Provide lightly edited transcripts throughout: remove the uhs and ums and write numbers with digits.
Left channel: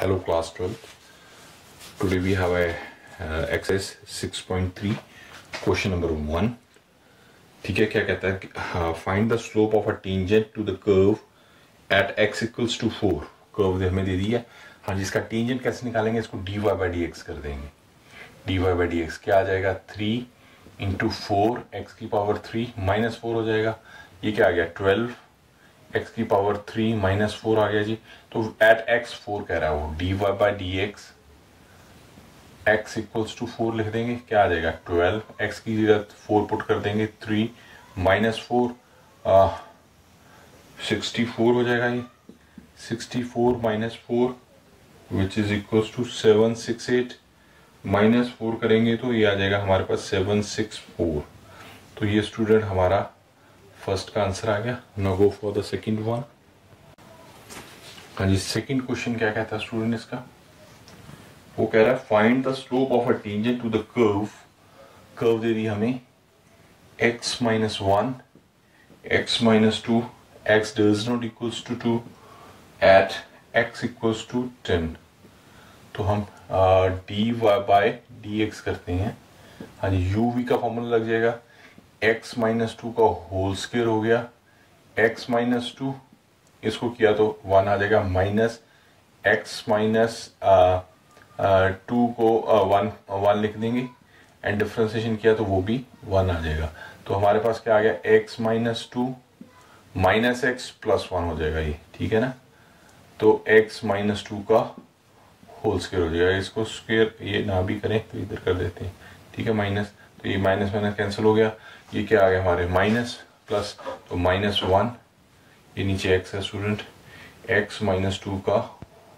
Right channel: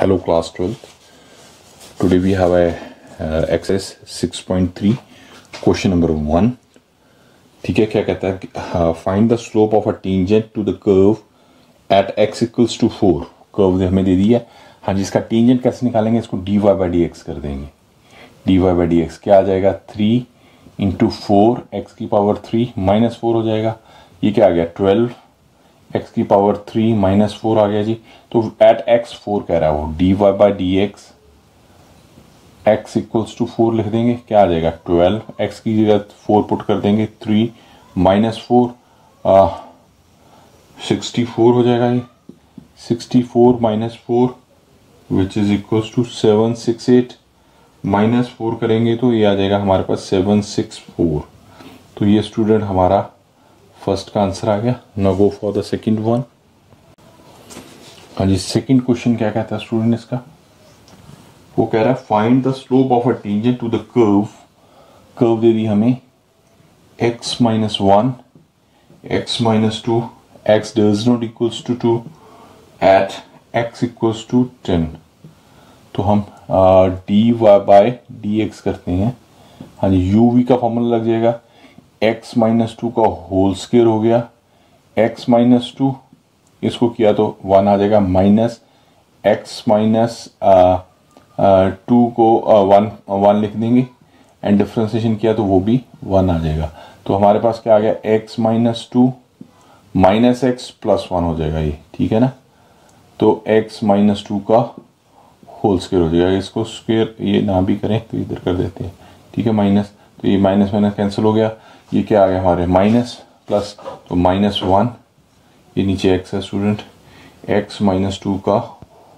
Hello class 12th. Today we have a exercise 6.3 question number 1. ठीक है, क्या कहता है? Find the slope of a tangent to the curve at x equals to 4. Curve हमें दे दिया। हाँ जी, इसका टेंजेंट कैसे निकालेंगे? इसको dy by dx कर देंगे। dy by dx क्या आ जाएगा? 3 इंटू 4 x की पावर 3 माइनस 4 हो जाएगा। ये क्या आ गया? 12 x की पावर 3 माइनस 4 आ गया जी। तो एट x 4 कह रहा है वो, dy by dx x equals to 4 लिख देंगे। क्या आ जाएगा? 12 x की जगह 4 पुट कर देंगे, 3 माइनस 4 64 हो जाएगा। ये 64 minus 4 which is equals to 768 minus 4 करेंगे तो ये आ जाएगा हमारे पास 764। तो ये स्टूडेंट हमारा फर्स्ट का आंसर आ गया। Now go for the second one. हाँ जी, सेकंड क्वेश्चन क्या कहता है स्टूडेंट इसका? वो कह रहा है find the slope of a tangent to the curve. Curve दे दी हमें x minus 1, x minus 2, x does not equals to 2 at x equals to 10। तो हम dy बाय dx करते हैं। हाँ जी, uv का फॉर्मूला लग जाएगा x माइनस 2 का होल स्क्वायर हो गया, x माइनस 2 इसको किया तो 1 आ जाएगा, माइनस x माइनस 2 को 1 लिख देंगे एंड डिफरेंशिएशन किया तो वो भी 1 आ जाएगा। तो हमारे पास क्या आ गया? x minus 2 minus x plus 1 हो जाएगा ये, ठीक है ना। तो x माइनस 2 का होल स्क्वायर हो जाएगा। इसको स्क्वायर ये ना भी करें तो इधर कर देते हैं, ठीक है, माइनस। तो ये माइनस माइनस कैंसिल हो गया। ये क्या आ गया हमारे? माइनस प्लस, तो माइनस 1, ये नीचे x है स्टूडेंट, x माइनस 2 का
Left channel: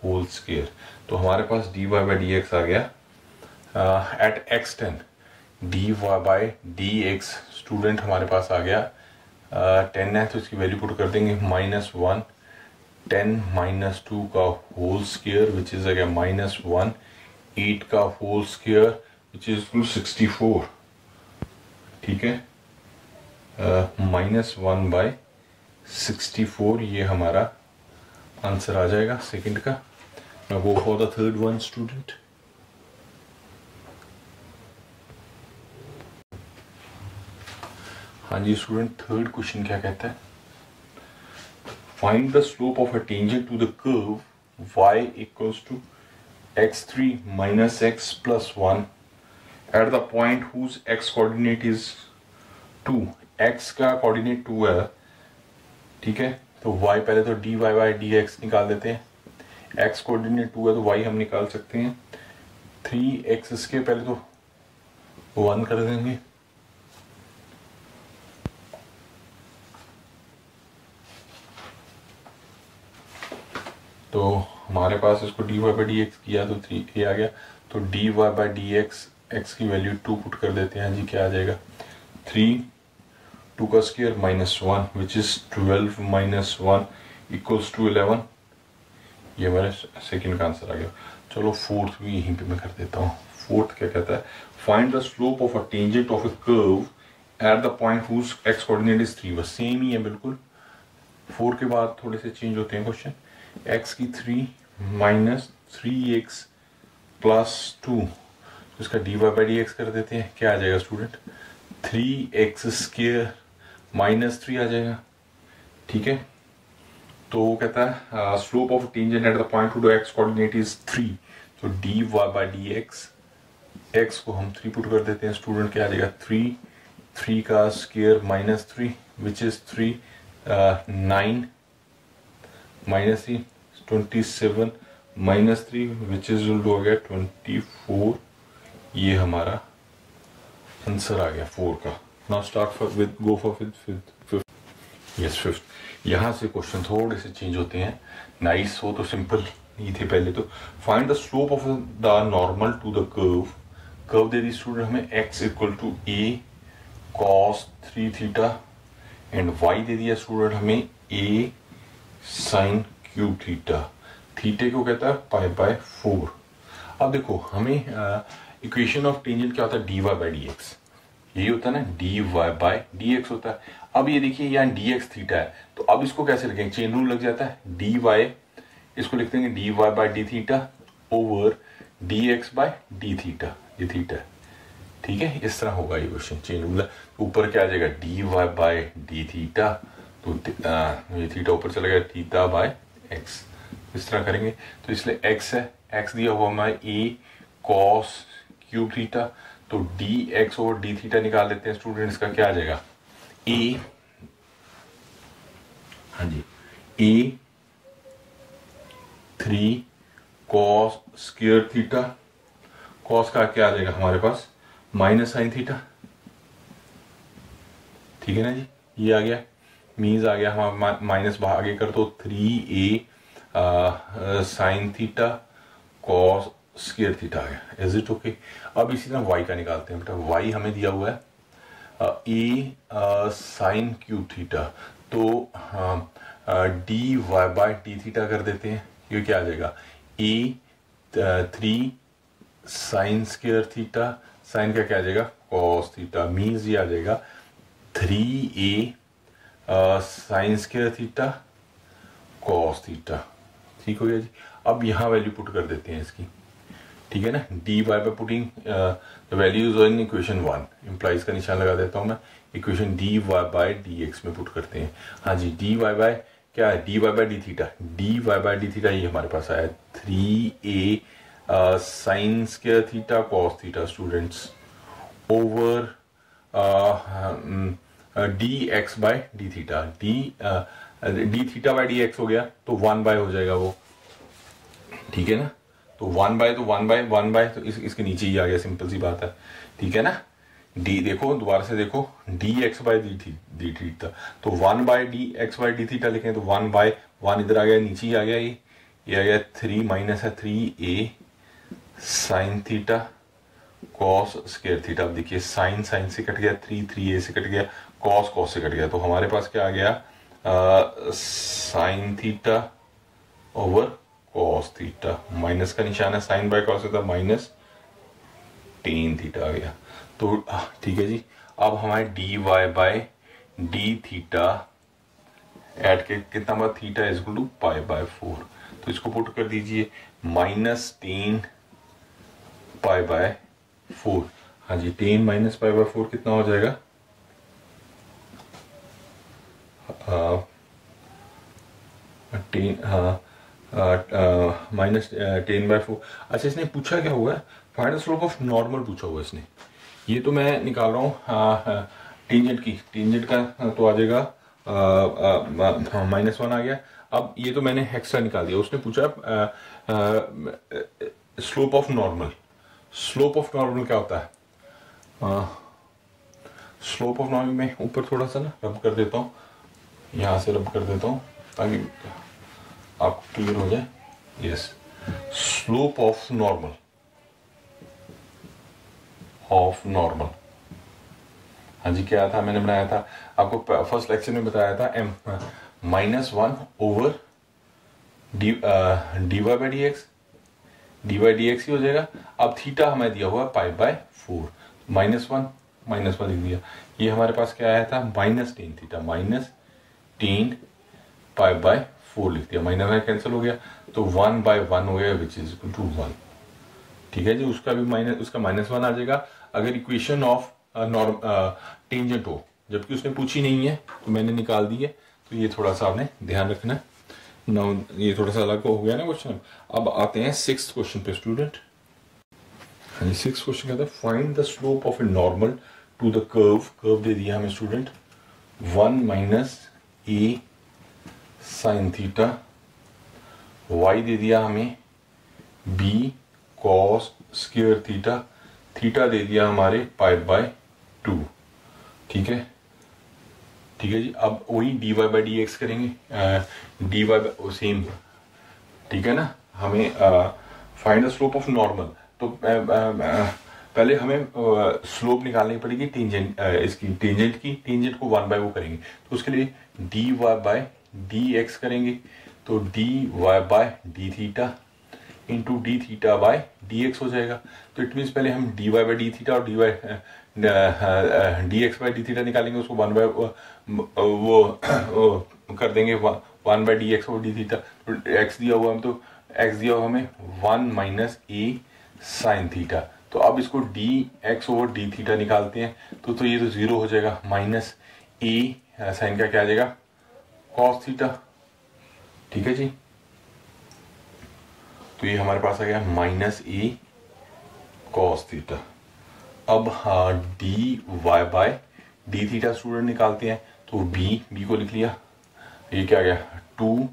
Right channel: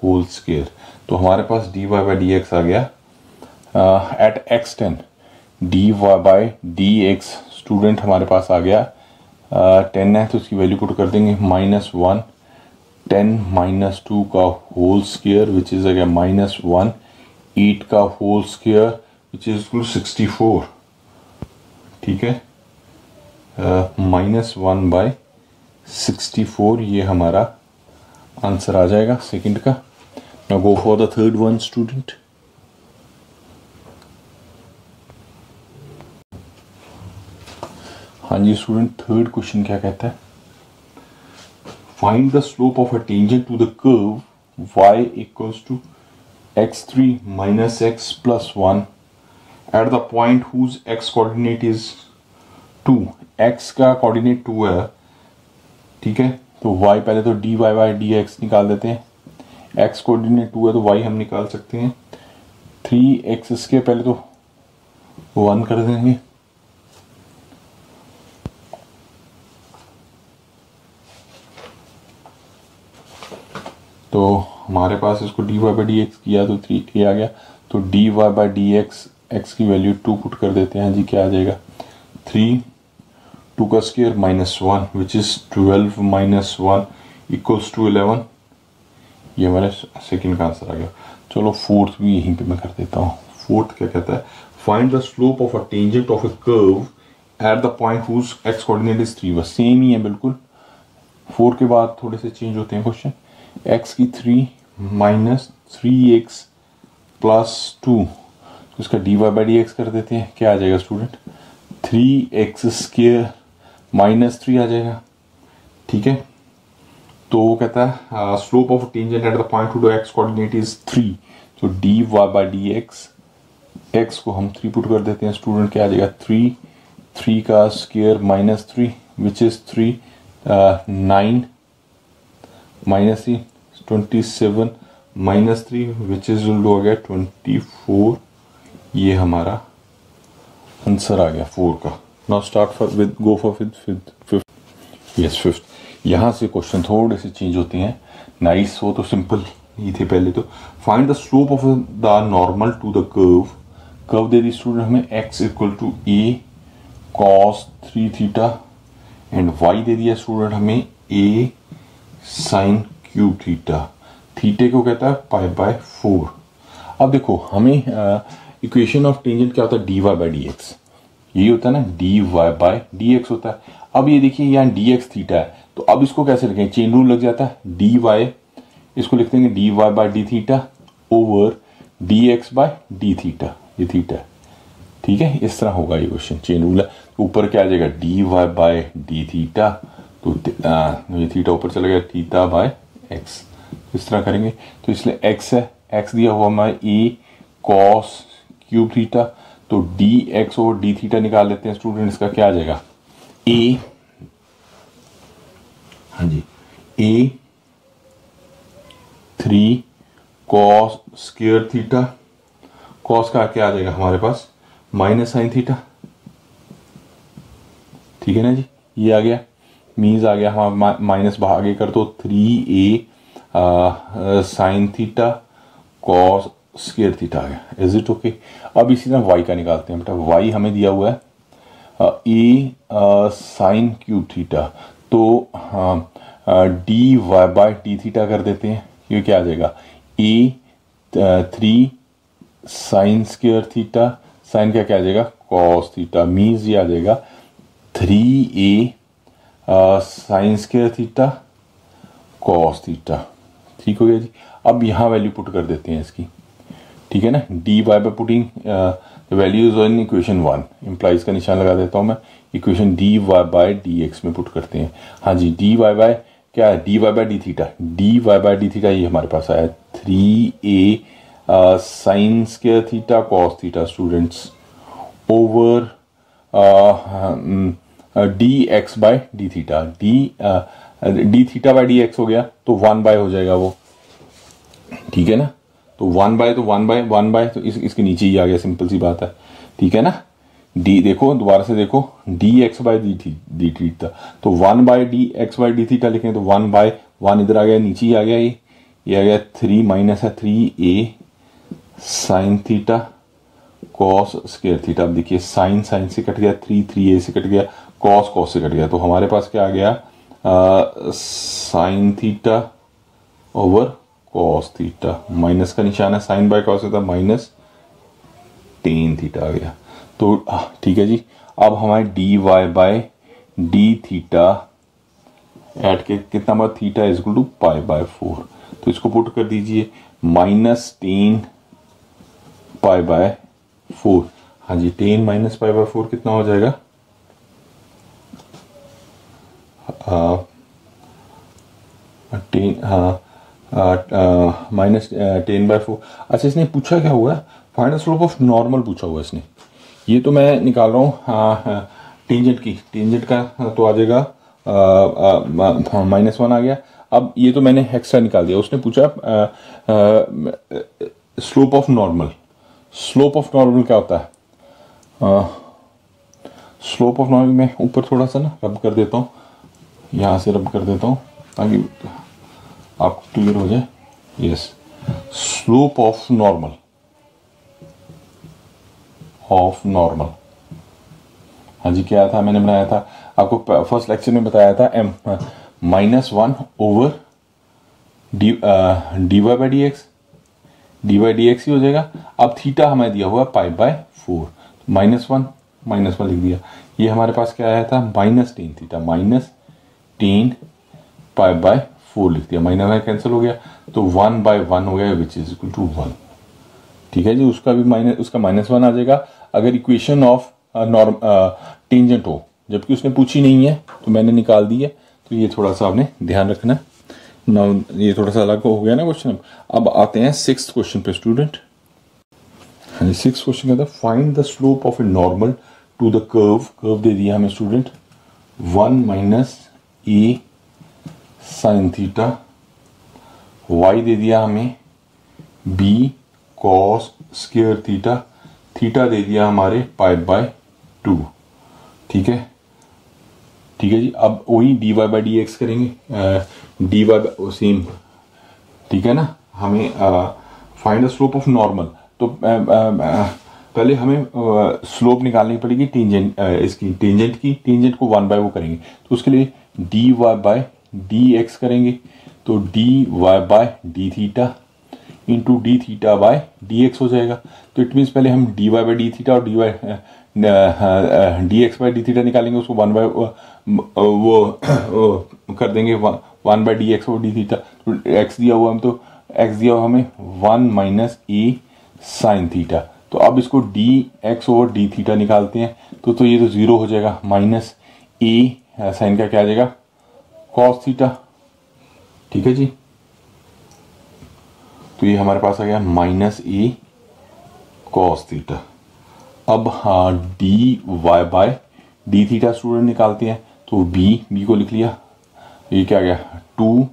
होल स्क्वायर। तो हमारे पास dy बाय dx आ गया at x10। dy by dx student हमारे पास आ गया 10 है तो इसकी वैल्यू पुट कर देंगे, माइनस 1, 10 माइनस 2 का होल स्क्वायर विच इज आ गया माइनस 1, 8 का whole square which is equal 64, ठीक है, माइनस 1 बाय 64 ये हमारा आंसर आ जाएगा सेकंड का। Now go for the third one student. हाँ जी स्टूडेंट, थर्ड क्वेश्चन क्या कहता है? Find the slope of a tangent to the curve y equals to x3 minus x plus 1 at the point whose x coordinate is 2। x का coordinate 2 है, ठीक है। तो y पहले तो dy बाय dx निकाल देते हैं। x कोऑर्डिनेट 2 है तो y हम निकाल सकते हैं 3x के पहले तो 1 कर देंगे, तो हमारे पास इसको dy बाय dx किया तो 3a आ गया। तो dy बाय dx x की वैल्यू 2 पुट कर देते हैं जी। क्या आ जाएगा? 3 2 का square minus 1 which is 12 minus 1 equals to 11। ये हमारा सेकंड का आंसर आ गया। चलो फोर्थ भी यहीं पे मैं कर देता हूँ। फोर्थ क्या कहता है? Find the slope of a tangent of a curve at the point whose x coordinate is 3। बस सेम ही है बिल्कुल। 4 के बाद थोड़े से चेंज होते हैं क्वेश्चन। x की 3 माइनस 3x प्लस 2, तो इसका dy बाय dx कर देते हैं। क्या आ जाएगा स्टूडेंट? 3x स्क्वायर माइनस 3 आ जाएगा, ठीक है। तो वो कहता है slope of tangent at the point two x coordinate is 3। तो dy बाय dx x को हम 3 पुट कर देते हैं स्टूडेंट। क्या आ जाएगा? 3 का square minus 3 which is 3 9 minus 3 27 minus 3 which is हो गया 24। ये हमारा आंसर आ गया 4 का। Now start with go for fifth. Yes, fifth. यहां से क्वेश्चन थोड़े से चेंज होते हैं। नाइस, वो तो सिंपल ही थे पहले तो। Find the slope of the normal to the curve. Curve दे दी स्टूडेंट हमें x equal to a cos 3 theta and y दे दिया स्टूडेंट हमें a sin क्यूब थीटा। थीटे को कहता है पाई बाय 4। अब देखो हमें इक्वेशन ऑफ टेंजेंट क्या होता है? dy बाय dx, यही होता है ना, dy बाय dx होता है। अब ये देखिए यहाँ dx थीटा है, तो अब इसको कैसे लिखें? चेन रूल लग जाता है, dy इसको लिख देंगे dy by d theta over dx by d theta, ये थीटा, ठीक है। इस तरह होगा ये क्वेश्चन, चेन रूल है। ऊपर क्या आ जाएगा dy बाय डी थीटा, तो ये थीटा ऊपर चला गया, थीटा बाय x, इस तरह करेंगे। तो इसलिए x है, x दिया हुआ हमारा a cos क्यूब थीटा, तो dx ओवर डी थीटा निकाल लेते हैं स्टूडेंट्स का, क्या आ जाएगा a, हाँ जी, a 3 cos square theta, cos का क्या आ जाएगा हमारे पास माइनस साइन थीटा, ठीक है ना जी। ये आ गया, मीन्स आ गया हमारा माइनस आगे कर दो 3a sine theta cos square theta आ गया। Is it okay? अब इसी तरह y का निकालते हैं बेटा। y हमें दिया हुआ है a साइन क्यूब थीटा, तो dy बाय डी थीटा कर देते हैं। ये क्या आ जाएगा a 3 sine square theta, sine क्या आ जाएगा कॉस थीटा, मीन्स ये आ जाएगा 3a sine square theta cos theta, ठीक हो गया जी। अब यहां वैल्यू पुट कर देते हैं इसकी, ठीक है ना। dy by putting values in equation 1, implies का निशान लगा देता हूं मैं, इक्वेशन dy बाय dx में पुट करते हैं। हाँ जी, dy बाय क्या है, dy by d theta, dy by d theta ये हमारे पास आया 3a sine square theta cos theta students over dx by d theta, d theta by d x हो गया तो 1 बाय हो जाएगा वो, ठीक है ना। तो 1 बाय तो 1 बाय तो इसके नीचे ही आ गया, सिंपल सी बात है, ठीक है ना। डी देखो दोबारा से देखो, dx बाय डी थीटा, तो 1 by dx by d theta लिखें तो 1 बाय 1 इधर आ गया, नीचे ही आ गया, ये आ गया 3 माइनस है 3a sine theta cos square theta. अब देखिए साइन से कट गया, 3a से कट गया, कॉस से कट गया, तो हमारे पास क्या आ गया sine theta over cos theta, minus का निशान है, sine by cos theta minus ten theta आ गया। तो ठीक है जी। अब हमारे dy by d theta at के कितना बार theta is equal to pi by 4, तो इसको पुट कर दीजिए माइनस 10 पाई बाय 4। हाँ जी, 10 माइनस पाई बाय 4 कितना हो जाएगा, माइनस 10 बाय 4। अच्छा, इसने पूछा क्या हुआ, find the slope of normal पूछा हुआ इसने। ये तो मैं निकाल रहा हूँ टेंजेंट की, टेंजेंट का तो आ जाएगा -1 आ गया। अब ये तो मैंने एक्स्ट्रा निकाल दिया, उसने पूछा slope of normal. Slope of normal क्या होता है, स्लोप ऑफ नॉर्मल में ऊपर थोड़ा सा ना रब कर देता हूँ, यहां से रब कर देता हूं ताकि आपको क्लियर हो जाए। यस, स्लोप ऑफ नॉर्मल हाँ जी, क्या था मैंने बनाया था आपको फर्स्ट लेक्चर में बताया था, -1 over d by d x, d by d x ही हो जाएगा। अब थीटा हमें दिया हुआ पाई बाय 4, -1 लिख दिया। ये हमारे पास क्या आया था -10 थीटा, -10 पाई बाय 4 लिख दिया, माइनस कैंसिल हो गया तो 1 बाय 1 हो गया विच इज इक्वल टू 1, ठीक है जी। उसका भी -1 आ जाएगा अगर इक्वेशन ऑफ टेंजेंट हो, जबकि उसने पूछी नहीं है तो मैंने निकाल दी है, तो ये थोड़ा सा आपने ध्यान रखना है ना, ये थोड़ा सा अलग हो गया ना क्वेश्चन। अब आते हैं 6th क्वेश्चन पे स्टूडेंट। 6th क्वेश्चन कहता है find the slope of a normal to the curve दे दिया हमें student 1 minus a sine theta, y दे दिया हमें b cos square theta, theta दे दिया हमारे पाई बाय 2, ठीक है जी। अब वही dy बाई डी एक्स करेंगे, dy बाई सेम, ठीक है ना। हमें find the slope of normal, तो पहले हमें स्लोप निकालनी पड़ेगी टेंजेंट, इसकी टेंजेंट को 1 बाय वो करेंगे, तो उसके लिए dy बाय डी एक्स करेंगे, तो dy by d theta into d theta by d x हो जाएगा। तो इट मीन्स पहले हम dy बाय डी थीटा और d x by d theta निकालेंगे, उसको 1 बाय वो कर देंगे 1 बाय डी एक्स और डी थीटा, तो एक्स दिया हुआ हम तो एक्स दिया हुआ हमें 1 माइनस ए साइन थीटा। तो अब इसको D x over D theta निकालते हैं तो ये तो 0 हो जाएगा, माइनस ए साइन का क्या आ जाएगा कॉस थीटा। ठीक है जी, तो ये हमारे पास आ गया माइनस ए कॉस थीटा। अब हाँ d y by d theta student निकालते हैं तो बी को लिख लिया, ये क्या आ गया 2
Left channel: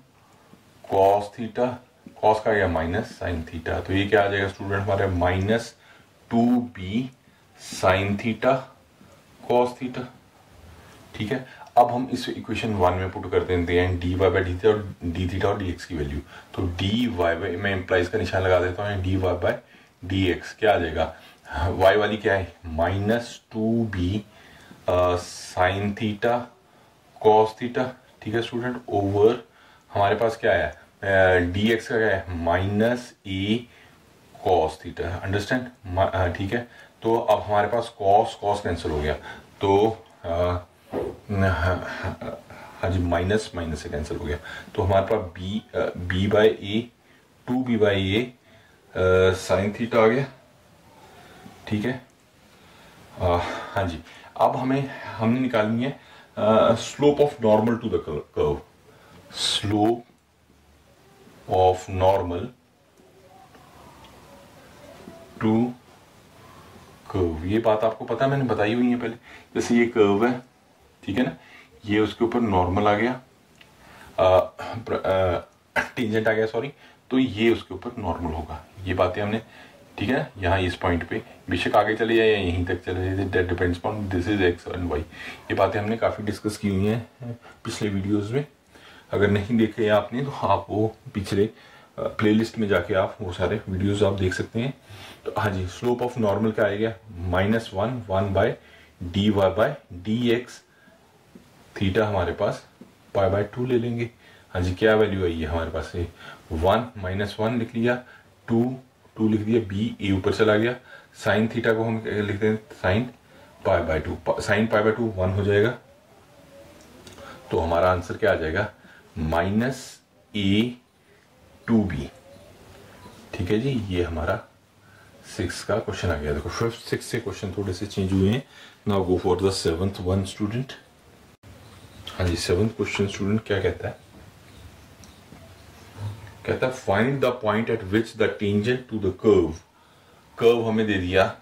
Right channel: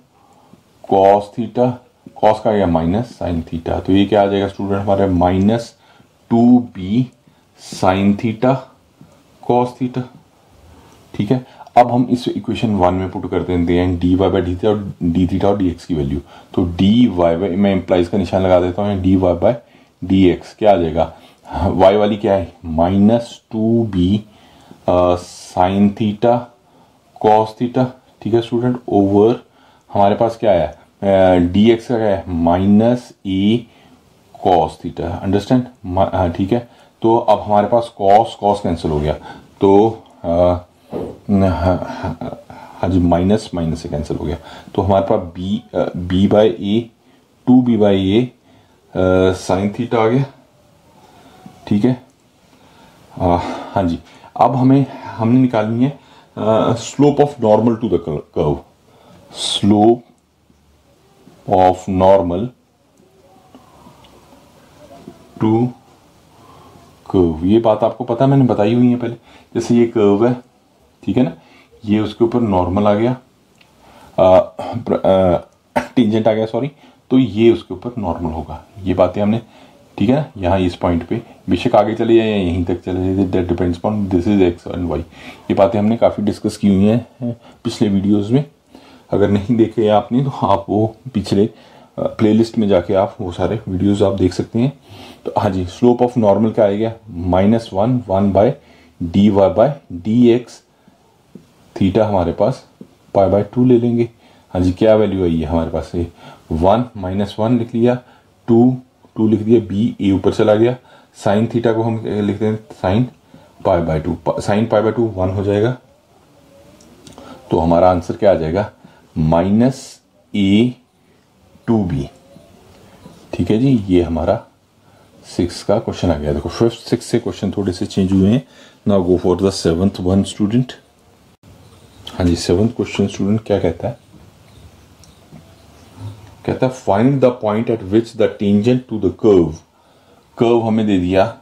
कॉस थीटा, कॉस का आ गया माइनस साइन थीटा। तो ये क्या आ जाएगा स्टूडेंट हमारे minus 2b sine theta cos theta. ठीक है, अब हम इस इक्वेशन 1 में पुट कर देते हैं d y by d theta और डी थीटा और डी एक्स की वैल्यू। तो डी वाई बाई, मैं इम्प्लाइज का निशान लगा देता हूँ, d y by d x क्या आ जाएगा, वाई वाली क्या है minus 2b sine theta cos theta. ठीक है स्टूडेंट, ओवर हमारे पास क्या है डी एक्स का क्या है माइनस ए कॉस थीटा। अंडरस्टैंड, ठीक है। तो अब हमारे पास कॉस कैंसिल हो गया तो हाँ जी माइनस माइनस से कैंसिल हो गया, तो हमारे पास b by a 2b by a sine theta आ गया। ठीक है, हाँ जी। अब हमने निकालनी है slope of normal to the curve, slope of normal to curve. ये बात आपको पता है, मैंने बताई हुई है पहले। जैसे ये कर्व है, ठीक है ना, ये उसके ऊपर नॉर्मल आ गया, टेंजेंट आ गया सॉरी, तो ये उसके ऊपर नॉर्मल होगा। ये बातें हमने, ठीक है ना, यहाँ इस पॉइंट पे बेशक आगे चले जाए या यहीं तक चले जाए, that depends on this is x and y. ये बातें हमने काफी डिस्कस की हुई हैं पिछले वीडियोस में। अगर नहीं देखे आपने तो आप वो पिछले प्लेलिस्ट में जाके आप वो सारे वीडियोस आप देख सकते हैं। तो हाँ जी, स्लोप ऑफ नॉर्मल क्या आएगा -1 by d y by d x theta, हमारे पास पाई बाय 2 ले लेंगे। हाँ जी, क्या वैल्यू आई है हमारे पास से 1 -1 लिख लिया, 2 लिख दिया, बी ए ऊपर चला गया, साइन थीटा को हम लिखते हैं sine pi by 2, sine pi by 2 1 हो जाएगा। तो हमारा आंसर क्या आ जाएगा -a2b। ठीक है जी, ये हमारा 6 का क्वेश्चन आ गया। देखो 5th 6 से क्वेश्चन थोड़े से चेंज हुए हैं। Now go for the 7th one student. हाँ जी, 7th क्वेश्चन स्टूडेंट क्या कहता है, कहता है find the point at which the tangent to the curve हमें दे दिया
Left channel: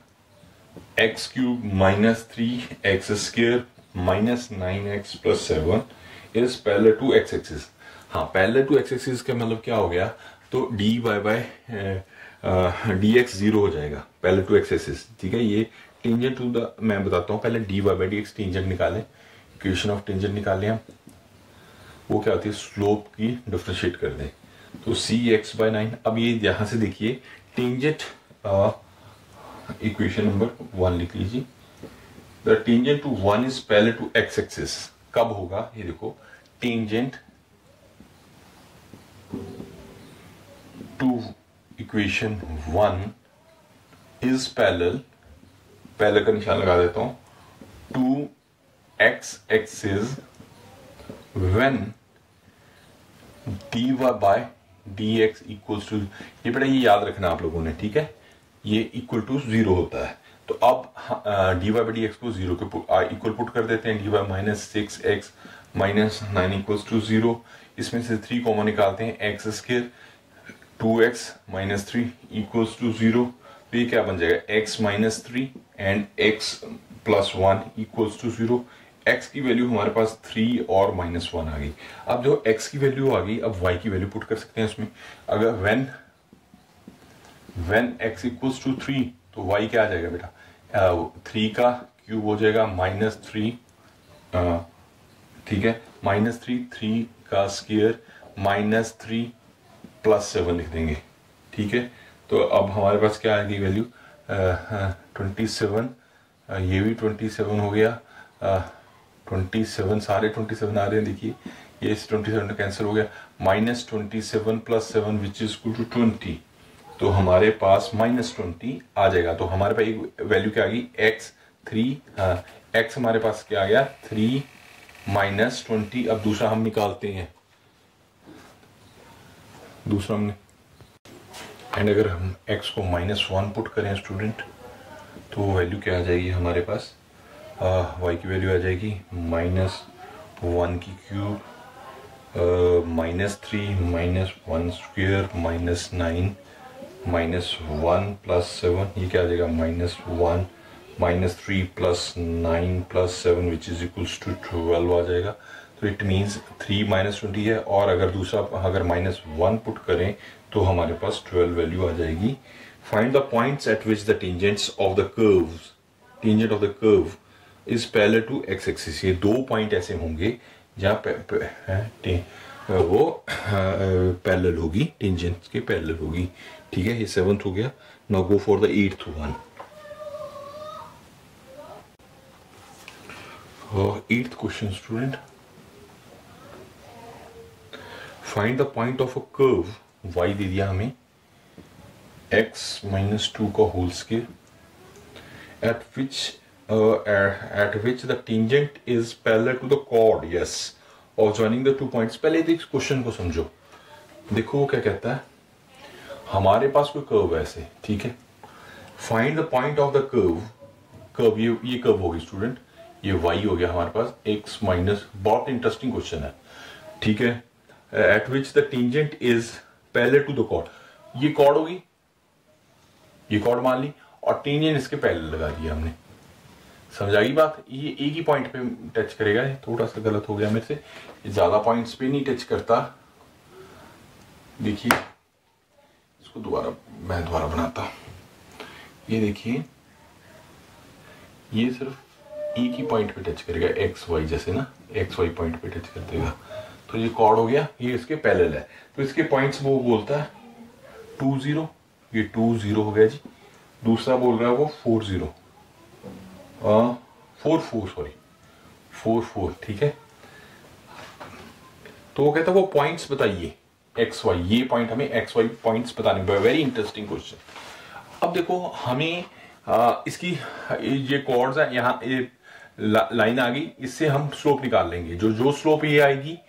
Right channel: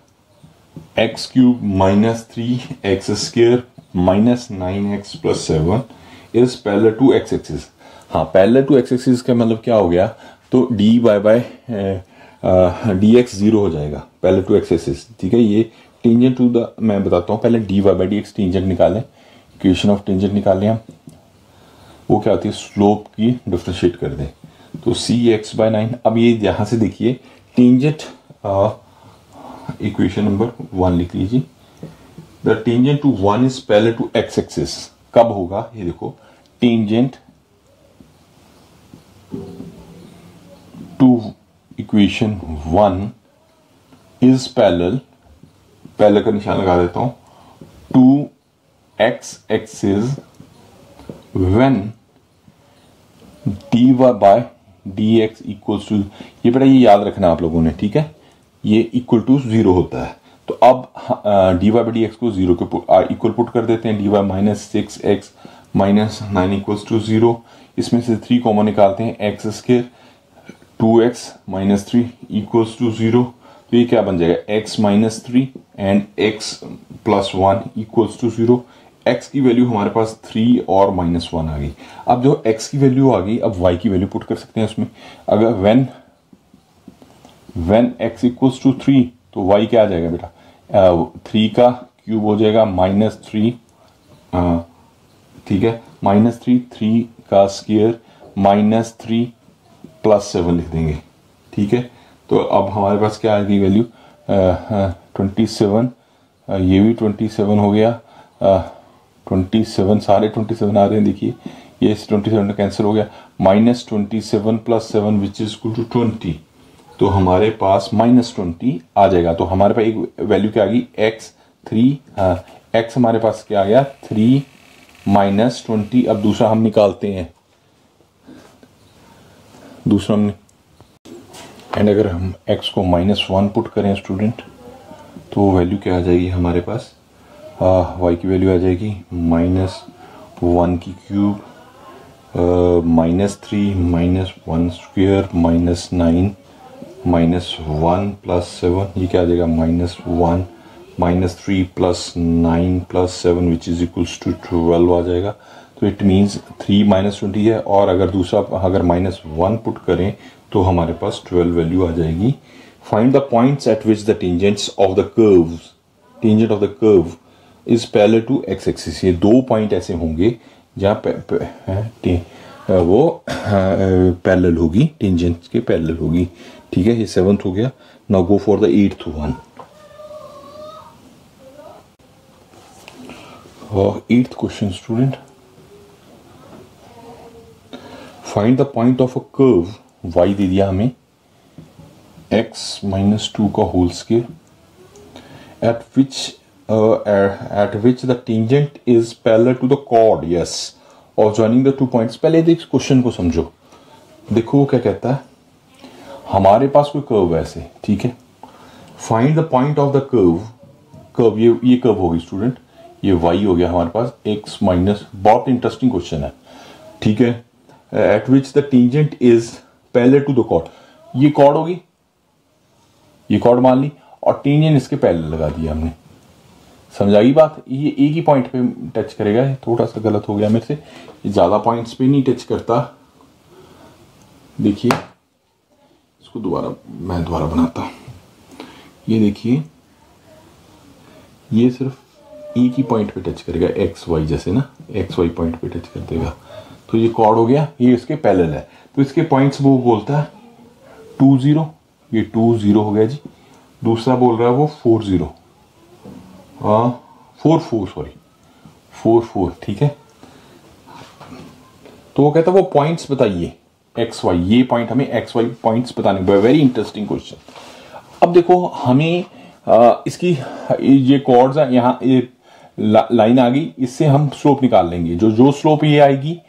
x³ -3x² -9x + 7 is parallel to x axis. हाँ, पैरेलल टू x एक्सिस का मतलब क्या हो गया, तो d y by d x 0 हो जाएगा पैरेलल टू x एक्सिस। ठीक है, ये टेंजेंट टू द, मैं बताता हूँ पहले d y by d x tangent निकालें, इक्वेशन ऑफ टेंजेंट निकालें हम। वो क्या होती है, स्लोप की डिफरेंशिएट कर दें, तो cx/9। अब ये यहां से देखिए टेंजेंट, इक्वेशन नंबर 1 लिख लीजिए, the tangent to 1 is parallel to x axis. कब होगा, ये देखो, tangent to equation 1 is parallel का निशान लगा देता हूं, to x axis when dy by dx equals to, ये बेटा ये याद रखना आप लोगों ने, ठीक है, ये इक्वल टू 0 होता है। तो अब dy बाई dx को 0 के इक्वल पुट कर देते हैं, dy -6x -9 इक्वल्स टू 0। इसमें से 3 कॉमन निकालते हैं, x², 2x -3 इक्वल्स टू 0। तो ये क्या बन जाएगा, x -3 and x + 1 equals to 0। x की वैल्यू हमारे पास 3 और -1 आ गई। अब जो x की वैल्यू आ गई, अब y की वैल्यू पुट कर सकते हैं उसमें। अगर when x इक्वल्स टू 3 तो y क्या आ जाएगा बेटा, 3 का क्यूब हो जाएगा -3, ठीक है, -3, 3 का स्क्वायर -3 + 7 लिख देंगे। ठीक है, तो अब हमारे पास क्या आ गई वैल्यू 27, ये भी 27 हो गया, 27 सारे 27 आ रहे हैं, देखिए ये इस 27 कैंसिल हो गया, -27 + 7 विच इज इक्वल टू 20। तो हमारे पास -20 आ जाएगा। तो हमारे पास एक वैल्यू क्या आ गई, x हमारे पास क्या आ गया 3 -20। अब दूसरा हम निकालते हैं, दूसरा हमने, एंड अगर हम x को -1 पुट करें स्टूडेंट, तो वैल्यू क्या आ जाएगी हमारे पास, y की वैल्यू आ जाएगी -1 की क्यूब, -3 -1 स्क्वायर -9 -1 + 7, ये क्या आ जाएगा -1 -3 + 9 + 7 विच इज इक्वल्स टू 12 आ जाएगा। तो इट मीन्स 3 -20 है, और अगर दूसरा अगर -1 पुट करें तो हमारे पास 12 वैल्यू आ जाएगी। Find the points at which the tangents of the curve, tangent of the curve is parallel to x axis. ये दो पॉइंट ऐसे होंगे जहां वो पैरेलल होगी, टेंजेंट के पैरेलल होगी। ठीक है, ये 7th हो गया। Now go for the 8th one. 8th question student, find the point of a curve, y दे दिया हमें x -2 का whole square, at which the tangent is parallel to the chord, yes, और joining the 2 points। पहले देख question को समझो, देखो क्या कहता है, हमारे पास कोई कर्व है ऐसे, ठीक है, find the point of the curve, ये कर्व होगी स्टूडेंट, ये y हो गया हमारे पास x माइनस, बहुत इंटरेस्टिंग क्वेश्चन है, ठीक है, at which the tangent is parallel to the chord, ये कॉर्ड होगी, ये कॉर्ड मान ली, और टेंजेंट इसके पैरेलल लगा दिया हमने। समझाई बात, ये एक ही पॉइंट पे टच करेगा, ये थोड़ा सा गलत हो गया मेरे से, ये ज्यादा पॉइंट्स पे नहीं टच करता। देखिए इसको मैं दोबारा बनाता हूं, ये देखिए ये सिर्फ एक ही पॉइंट पे टच करेगा, एक्स वाई जैसे ना, एक्स वाई पॉइंट पे टच कर देगा, तो ये कॉर्ड हो गया, ये इसके पैरेलल है, तो इसके पॉइंट्स वो बोलता है 2 0, ये 2 0 हो गया जी, दूसरा बोल रहा है वो 4 0, 4 4, ठीक है। तो वो कहता है वो पॉइंट्स बताइए एक्स वाई, ये पॉइंट हमें एक्स वाई पॉइंट्स बताने, वेरी इंटरेस्टिंग क्वेश्चन। अब देखो हमें इसकी ये कॉर्ड्स है, यहाँ ये लाइन आ गई, इससे हम स्लोप निकाल लेंगे, जो स्लोप ये आएगी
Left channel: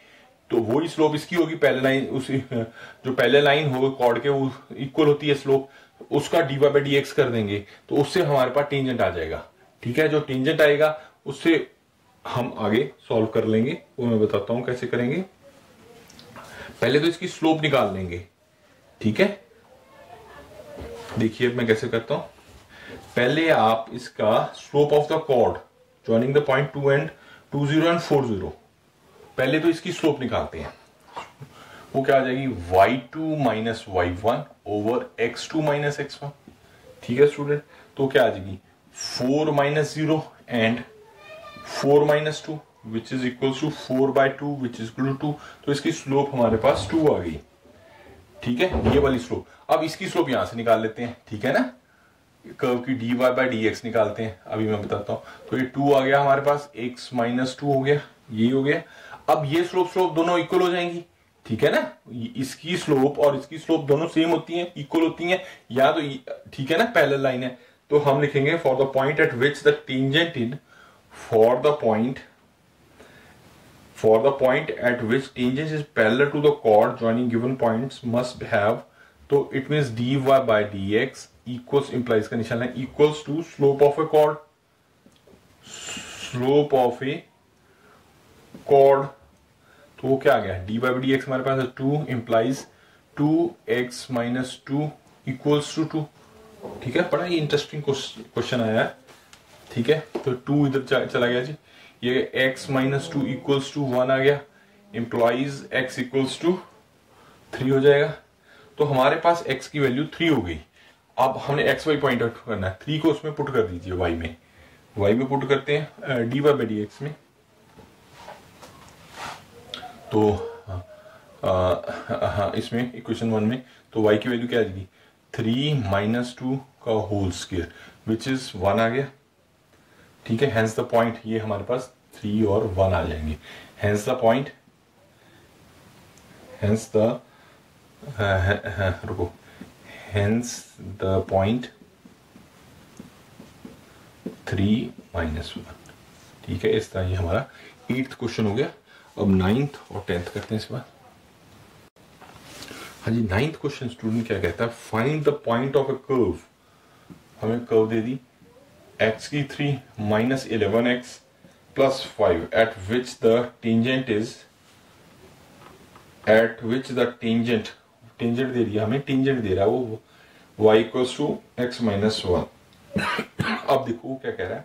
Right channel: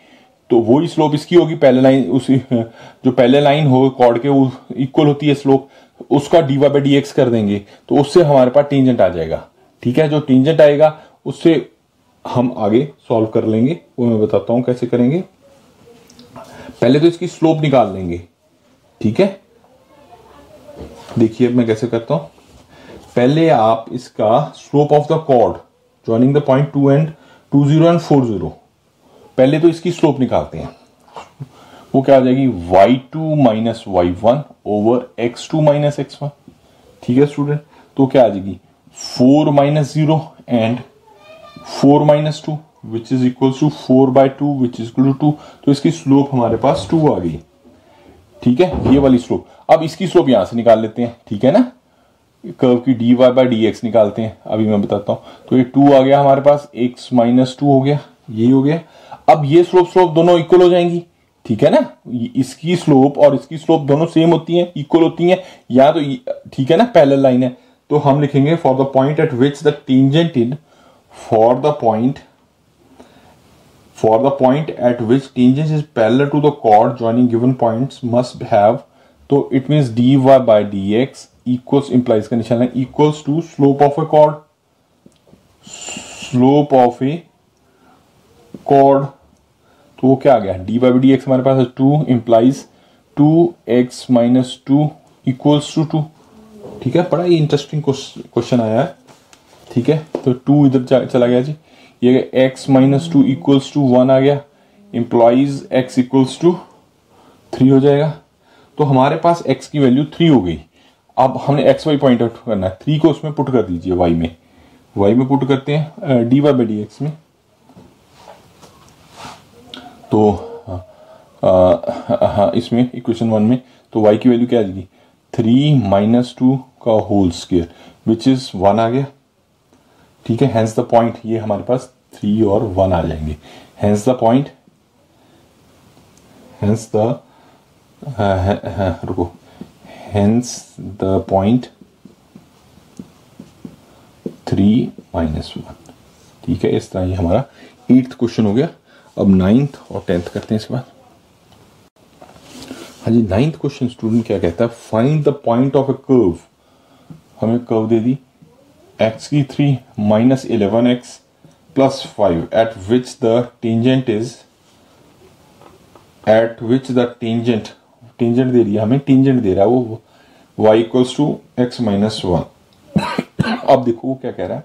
तो वही स्लोप इसकी होगी, पहले लाइन उसी जो पहले लाइन हो कॉर्ड के वो इक्वल होती है स्लोप, उसका dy/dx कर देंगे, तो उससे हमारे पास टेंजेंट आ जाएगा। ठीक है, जो टेंजेंट आएगा उससे हम आगे सॉल्व कर लेंगे, वो मैं बताता हूं कैसे करेंगे। पहले तो इसकी स्लोप निकाल लेंगे, ठीक है, देखिए मैं कैसे करता हूं। पहले आप इसका slope of the chord joining the point 2 0 and 4 0, पहले तो इसकी स्लोप निकालते हैं, वो क्या आ जाएगी y2 minus y1 over x2 minus x1। ठीक है स्टूडेंट, तो क्या आ जाएगी 4 minus 0 and 4 minus 2 which is equal to 4/2 which is equal to 2, तो इसकी स्लोप हमारे पास 2 आ गई। ठीक है, ये वाली स्लोप, अब इसकी स्लोप यहां से निकाल लेते हैं, ठीक है ना, कर्व की dy/dx निकालते हैं, अभी मैं बताता हूं। तो ये 2 आ गया हमारे पास, x माइनस 2 हो गया, यही हो गया। अब ये स्लोप दोनों इक्वल हो जाएंगी, ठीक है ना, इसकी स्लोप और इसकी स्लोप दोनों सेम होती हैं, इक्वल होती हैं, या तो ठीक है ना, पैरेलल लाइन है, तो हम लिखेंगे for the point at which the tangent in, for the point at which tangent is parallel to the chord joining given points must have, तो it means dy/dx equals, implies का निशान है, equals to slope of a chord, slope of a chord, तो वो क्या आ गया dy/dx हमारे पास है 2, implies 2x minus 2 equals to 2। ठीक है, बड़ा ही इंटरेस्टिंग क्वेश्चन आया है। ठीक है, तो 2 इधर चला गया जी, ये x माइनस 2 इक्वल्स टू 1 आ गया, इंप्लाइज x इक्वल्स टू 3 हो जाएगा। तो हमारे पास x की वैल्यू 3 हो गई। अब हमने एक्स वाई पॉइंट आउट करना है, 3 को उसमें पुट कर दीजिए, y में पुट करते हैं dy/dx में, तो इसमें इक्वेशन 1 में, तो y की वैल्यू क्या आ जाएगी 3 माइनस 2 का होल स्क्वायर विच इज 1 आ गया। ठीक है, हेंस द पॉइंट, ये हमारे पास 3 और 1 आ जाएंगे, hence the point, hence the रुको, हेंस द पॉइंट 3 माइनस 1। ठीक है, इस तरह ये हमारा 8th क्वेश्चन हो गया। अब 9th और 10th करते हैं इसके बाद। हाँ जी, 9th क्वेश्चन स्टूडेंट क्या कहता है, find the point of a curve. हमें कर्व दे दी x की 3 minus 11x plus 5 at which the tangent tangent दे दिया हमें, टेंजेंट दे रहा है वो y equals to x minus 1। अब देखो वो क्या कह रहा है,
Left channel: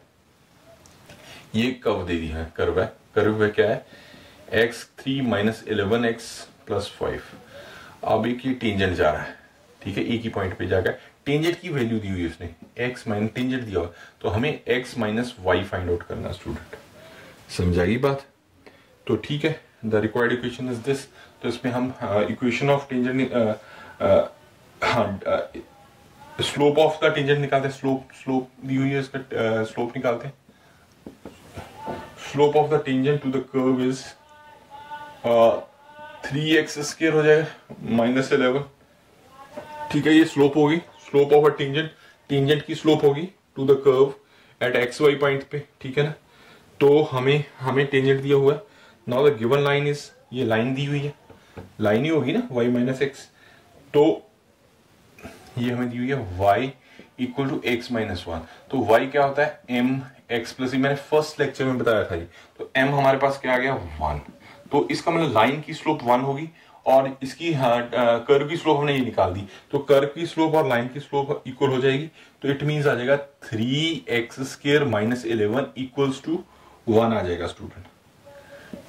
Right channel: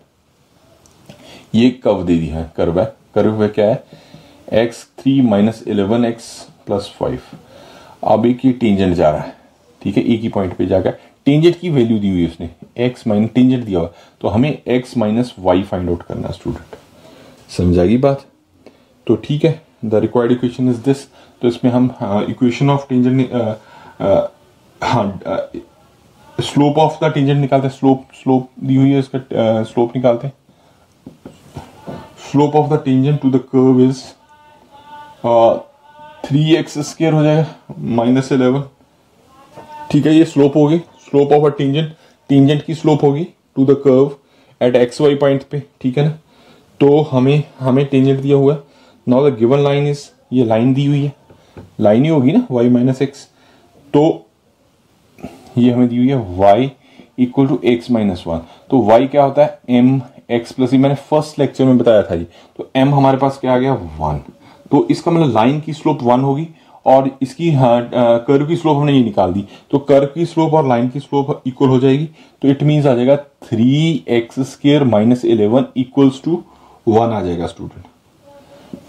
ये कर्व दे दिया है, कर्व में क्या है x3 माइनस 11x प्लस 5। अब एक ये टेंजेंट जा रहा है, ठीक है, एक ही पॉइंट पे जाकर टेंजेंट की वैल्यू दी हुई है उसने, x माइनस टेंजेंट दिया हुआ, तो हमें x minus y find out करना है स्टूडेंट। समझाएगी बात? तो ठीक है, the required equation is this. तो इसमें हम equation of tangent, slope of the tangent निकालते हैं, स्लोप दी हुई है, इसका स्लोप निकालते हैं। Slope of the tangent to the curve is 3x square हो जाएगा माइनस 11। ठीक है, ये स्लोप होगी, स्लोप ऑफ अ टेंजेंट की स्लोप होगी to the curve at x y point पे, ठीक है ना। तो हमें टेंजेंट दिया हुआ है। Now the given line is, ये लाइन दी हुई है, लाइन ही होगी ना y माइनस एक्स। तो ये हमें दी हुई है y equal to x minus 1। तो y क्या होता है m x प्लस, मैंने फर्स्ट लेक्चर में बताया था जी। तो m हमारे पास क्या आ गया 1। तो इसका मतलब लाइन की स्लोप 1 होगी और इसकी कर्व की स्लोप हमने ये निकाल दी। तो कर्व की स्लोप और लाइन की स्लोप इक्वल हो जाएगी। तो इट मींस आ जाएगा 3x square minus 11 equals to 1 आ जाएगा स्टूडेंट।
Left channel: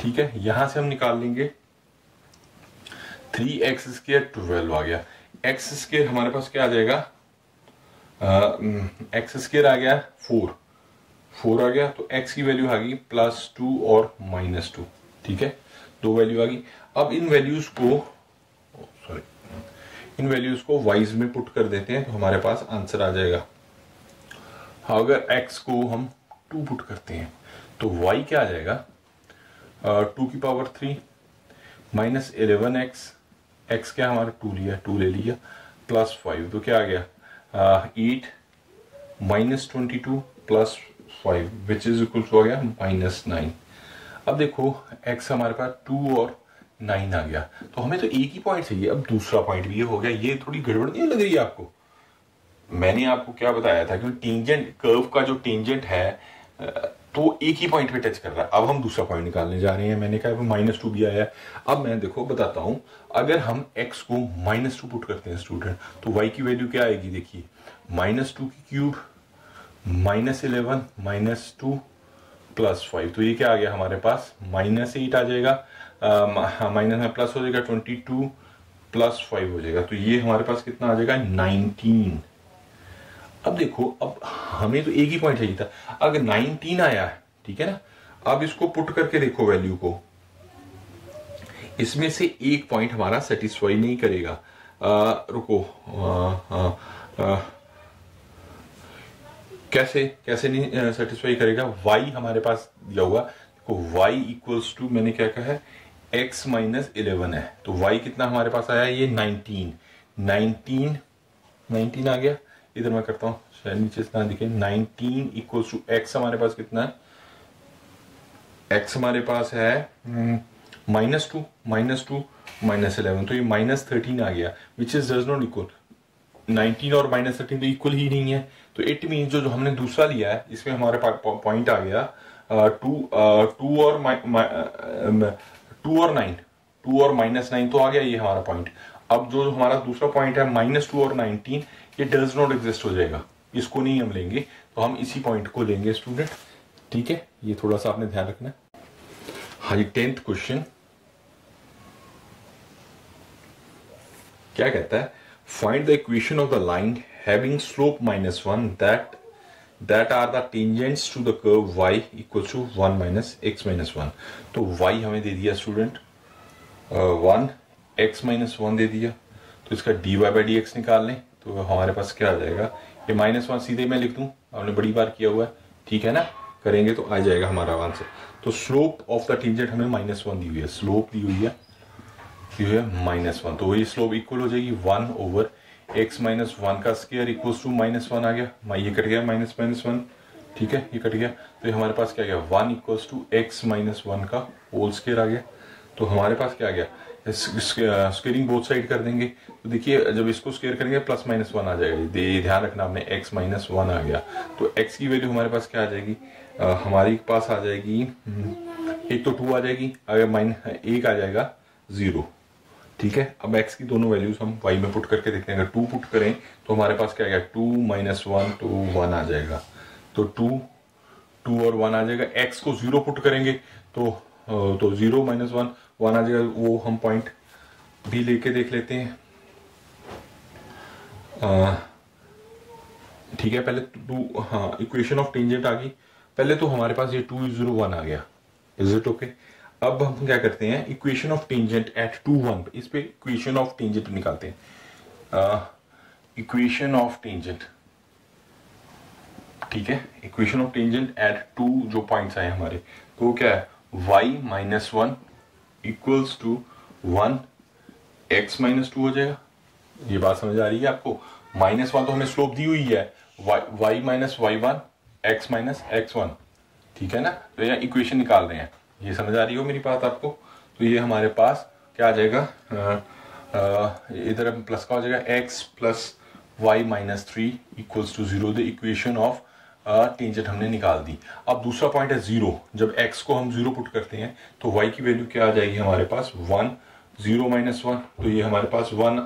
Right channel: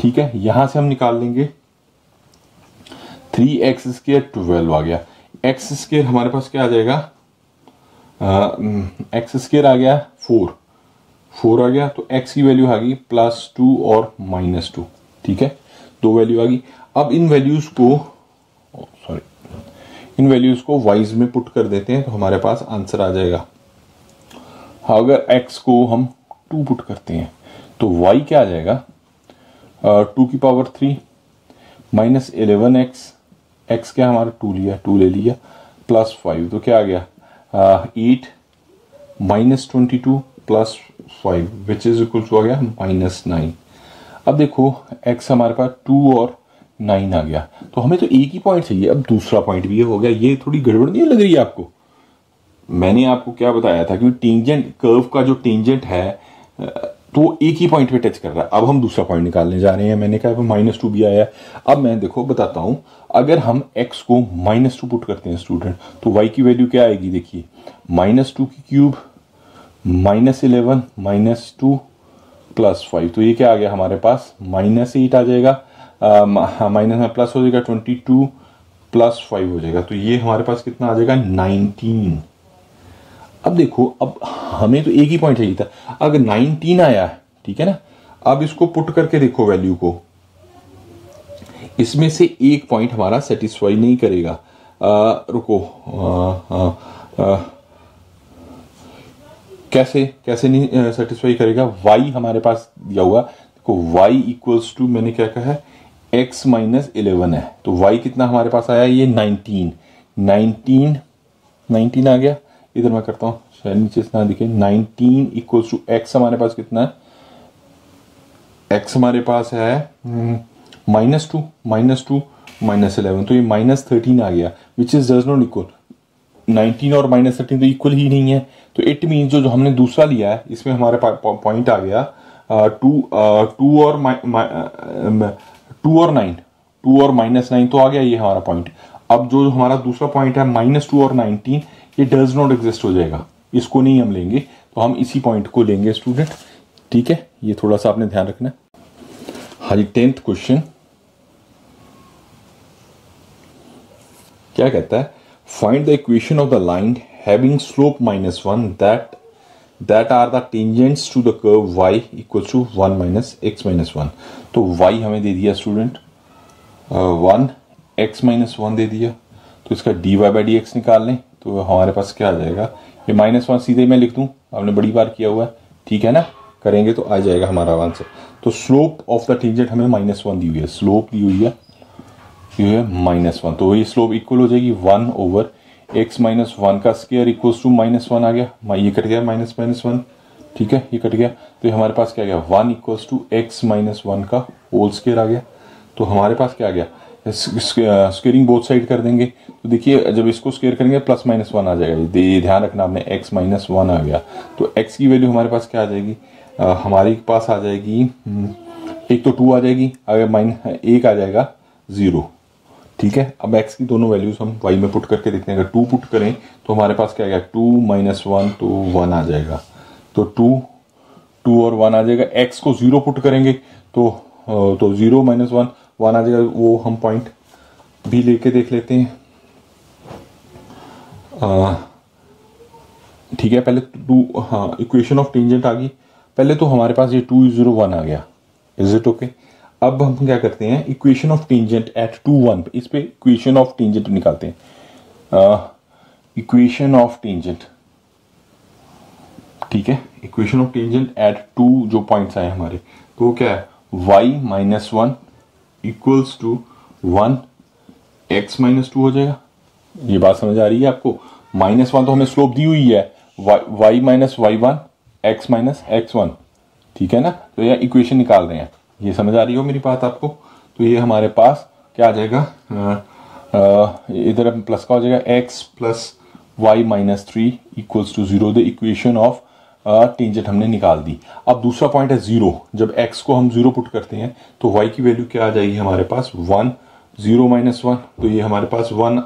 ठीक है, यहां से हम निकाल लेंगे 3x स्क्वायर 12 आ गया। x स्क्वायर हमारे पास क्या आ जाएगा, x स्क्वायर आ गया 4 आ गया। तो x की वैल्यू आ गई +2 और -2। ठीक है, दो वैल्यू आ गई। अब इन वैल्यूज को वाइज में पुट कर देते हैं तो हमारे पास आंसर आ जाएगा। अगर x को हम 2 पुट करते हैं तो y क्या आ जाएगा 2 की पावर 3 माइनस 11x, x क्या हमारा 2 ले लिया प्लस 5। तो क्या आ गया 8 minus 22 plus 5 which is equal to आ गया -9। अब देखो x हमारे पास 2 और 9 आ गया। तो हमें तो एक ही पॉइंट चाहिए, अब दूसरा पॉइंट भी हो गया। ये थोड़ी गड़बड़ नहीं लग रही है आपको? मैंने आपको क्या बताया था कि टेंजेंट कर्व का जो टेंजेंट है तो एक ही पॉइंट पे टच कर रहा है। अब हम दूसरा पॉइंट निकालने जा रहे हैं। मैंने कहा -2 भी आया है। अब मैं देखो बताता हूं, अगर हम x को -2 पुट करते हैं स्टूडेंट तो y की वैल्यू क्या आएगी, देखिए -2 की क्यूब -11 -2 प्लस 5। तो ये क्या आ गया हमारे पास -8 आ जाएगा, माइनस में प्लस हो जाएगा 22 प्लस 5 हो जाएगा। तो ये हमारे पास कितना आ जाएगा 19। अब देखो, अब हमें तो एक ही पॉइंट चाहिए था। अगर 19 आया है, ठीक है ना, अब इसको पुट करके देखो वैल्यू को, इसमें से एक पॉइंट हमारा सेटिस्फाई नहीं करेगा। रुको, कैसे नहीं सेटिस्फाई करेगा? y हमारे पास दिया हुआ, देखो y इक्वल्स टू, मैंने क्या कहा है x माइनस 11 है। तो y कितना हमारे पास आया, ये 19 आ गया। इधर मैं करता हूं, शायद नीचे ना दिखे। 19 इक्वल्स टू x हमारे पास कितना है, x हमारे पास है -2 -11। तो ये -13 आ गया, which is does not equal 19 और -13 तो इक्वल ही नहीं है। तो इट मीन जो हमने दूसरा लिया है इसमें हमारे पास पॉइंट आ गया 2 और -9 तो आ गया ये हमारा पॉइंट। अब जो हमारा दूसरा पॉइंट है -2 और 19, ये डज नॉट एग्जिस्ट हो जाएगा, इसको नहीं हम लेंगे। तो हम इसी पॉइंट को लेंगे स्टूडेंट। ठीक है, ये थोड़ा सा आपने ध्यान रखना। हाँ जी, 10th क्वेश्चन क्या कहता है, find the equation of the line having slope -1 that are the tangents to the curve y equals to 1 minus x minus 1। तो y हमें दे दिया स्टूडेंट 1, x minus 1 दे दिया। तो इसका dy by dx निकाल लें तो हमारे पास क्या आ जाएगा, ये -1 सीधे मैं लिख दूं, आपने बड़ी बार किया हुआ है, ठीक है ना, करेंगे तो आ जाएगा हमारा आंसर। तो स्लोप ऑफ द टेंजेंट हमें -1 दी हुई है, स्लोप दी हुई है -1। तो ये स्लोप इक्वल हो जाएगी 1 ओवर x माइनस 1 का स्क्वायर इक्वल्स टू -1 आ गया। ये कट गया -1, ठीक है, ये कट गया। तो ये हमारे पास क्या गया 1 इक्वल्स टू x माइनस 1 का होल स्क्वायर आ गया। तो हमारे पास क्या आ गया स्क्वेयरिंग बोथ साइड कर देंगे तो देखिए जब इसको स्क्वेयर करेंगे प्लस माइनस 1 आ जाएगा। ध्यान रखना आपने x माइनस 1 आ गया तो x की वैल्यू हमारे पास क्या आ जाएगी, हमारे पास आ जाएगी एक तो 2 आ जाएगी, अगर माइनस 1 आ जाएगा 0। ठीक है, अब x की दोनों वैल्यूज हम y में पुट करके देखते हैं। अगर 2 पुट करें तो हमारे पास क्या आ गया 2 माइनस 1 तो 1 आ जाएगा। तो 2 और 1 आ जाएगा। x को 0 पुट करेंगे तो 0 माइनस 1 आ जाएगा। वो हम पॉइंट भी लेके देख लेते हैं। ठीक है, पहले 2 हाँ इक्वेशन ऑफ टेंजेंट आ गई। पहले तो हमारे पास ये 2 0 1 आ गया। Is it okay? अब हम क्या करते हैं, इक्वेशन ऑफ टेंजेंट एट 2 1 इस पे इक्वेशन ऑफ टेंजेंट निकालते हैं। इक्वेशन ऑफ टेंजेंट, ठीक है, इक्वेशन ऑफ टेंजेंट एट 2 जो पॉइंट्स आए हमारे, तो वो क्या है y minus 1 equals to 1 x minus 2 हो जाएगा। ये बात समझ आ रही है आपको? -1 तो हमें स्लोप दी हुई है, y minus y1 x minus x1, ठीक है ना। तो यह इक्वेशन निकाल रहे हैं, ये समझ आ रही हो मेरी बात आपको? तो ये हमारे पास क्या आ जाएगा, इधर प्लस का हो जाएगा x plus y minus 3 equals to 0। The equation of tangent हमने निकाल दी। अब दूसरा पॉइंट है 0। जब x को हम 0 पुट करते हैं तो y की वैल्यू क्या आ जाएगी हमारे पास 1, 0 माइनस 1, तो ये हमारे पास 1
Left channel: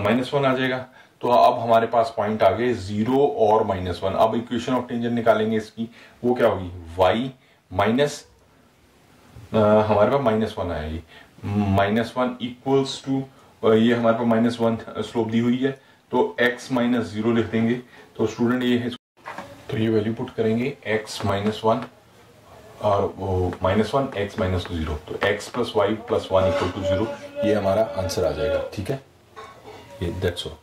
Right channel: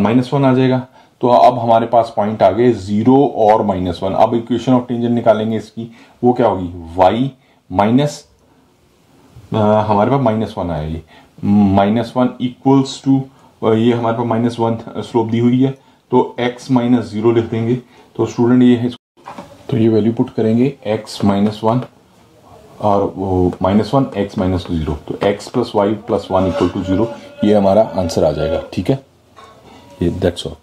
माइनस 1 आ जाएगा। तो अब हमारे पास पॉइंट आ गए 0 और -1। अब इक्वेशन ऑफ टेंजेंट निकालेंगे इसकी, वो क्या होगी y माइनस हमारे पास -1 आएगी, -1 इक्वल्स टू ये हमारे पास -1 स्लोप दी हुई है तो x माइनस 0 लिख देंगे। तो स्टूडेंट ये है, तो ये वैल्यू पुट करेंगे x माइनस 1 और वो -1 x माइनस 0, तो x plus y plus 1 equal to 0, ये हमारा आंसर आ जाएगा। ठीक है, ये दैट्स ऑल।